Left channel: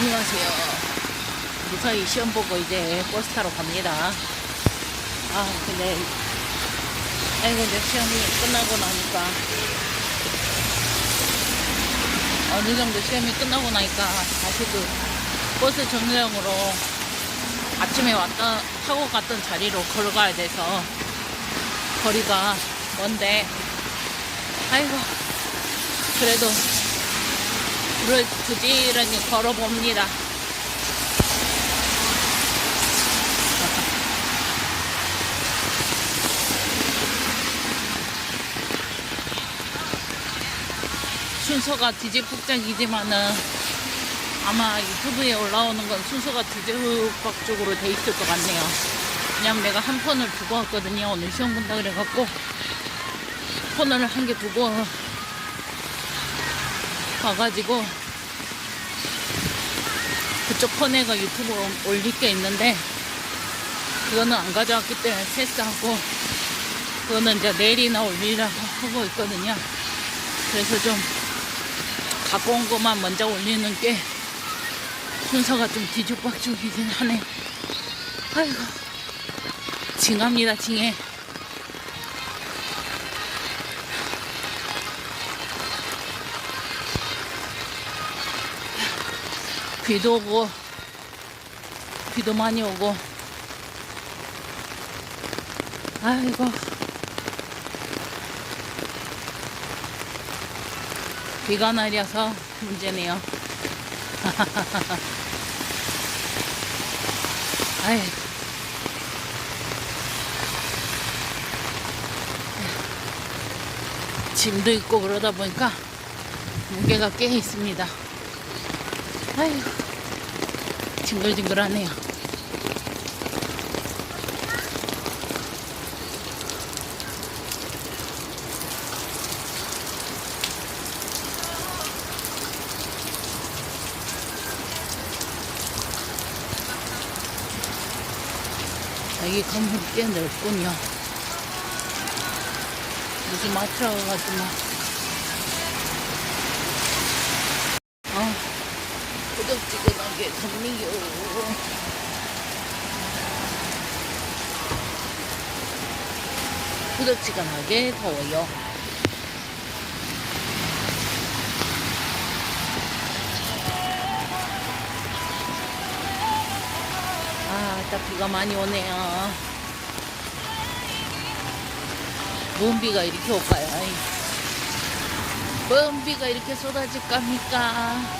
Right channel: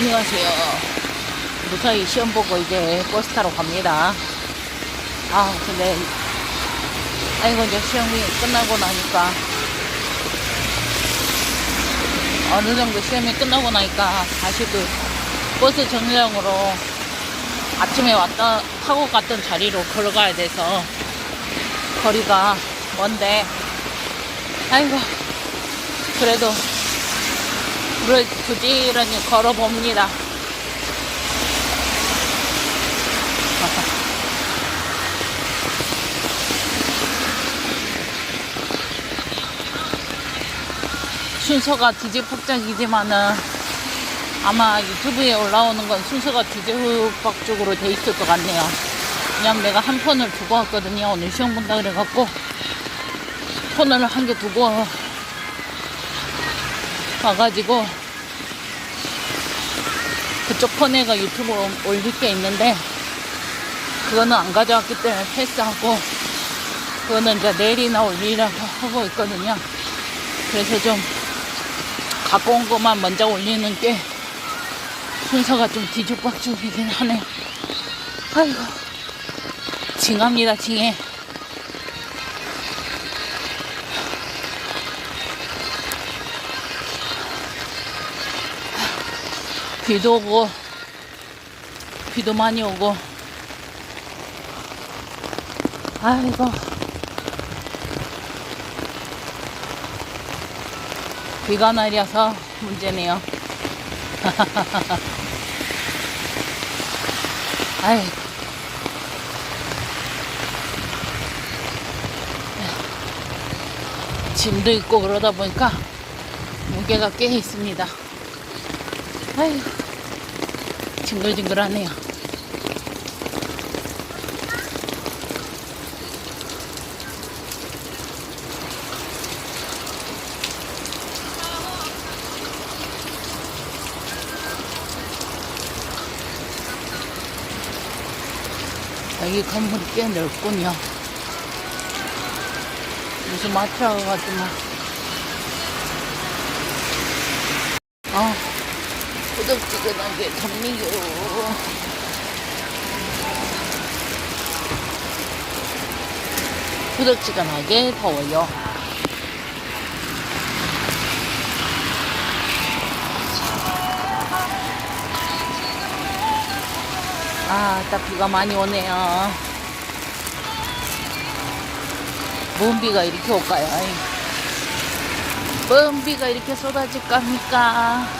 안녕하세요. 무사히 시험 보고 이제 버스 타러 갑니다. 아, 근데, 아이고, 이제 시험이 끝나고 나니까, 어느 정도 시험이 끝나고 나니까 다시 그 버스 정류장으로 아침에 왔다, 타고 갔던 자리로 걸어가야 돼서, 거리가 먼데, 아이고, 그래도 불을 부지런히 걸어봅니다. 순서가 뒤집박적이지만은 아마 유튜브에 올라오는 건 순서가 뒤집박적으로 돼 있을 것 같네요. 왜냐면 내가 한 폰을 두고 왔거든요. 오늘 시험 본다 그래갖고 폰을 한 개 두고 와가지고 그쪽 폰에가 유튜브로 올릴 게 있는데 그거는 안 가져왔기 때문에 패스하고 그거는 이제 내일이나 올리려고 하고 있거든요. 그래서 좀 갖고 온 것만 먼저 올리는 게 순서가 좀 뒤죽박죽이긴 하네요. 아이고 징합니다 징해. 비도 오고 비도 많이 오고. 아이고. 비가 날려서 문제네요. 아이. 짐도 있고 그러다 보니까 무게가 꽤 있습니다 아이고 징글징글하네요. 여기 건물이 꽤 넓군요. 무슨 마트라고 가지만. 어. 꾸덕지근하게 덥네요. 꾸덕지근하게 더워요. 아, 딱 비가 많이 오네요. 뭔 비가 이렇게 올까요? 뭔 비가 이렇게 쏟아질 겁니까?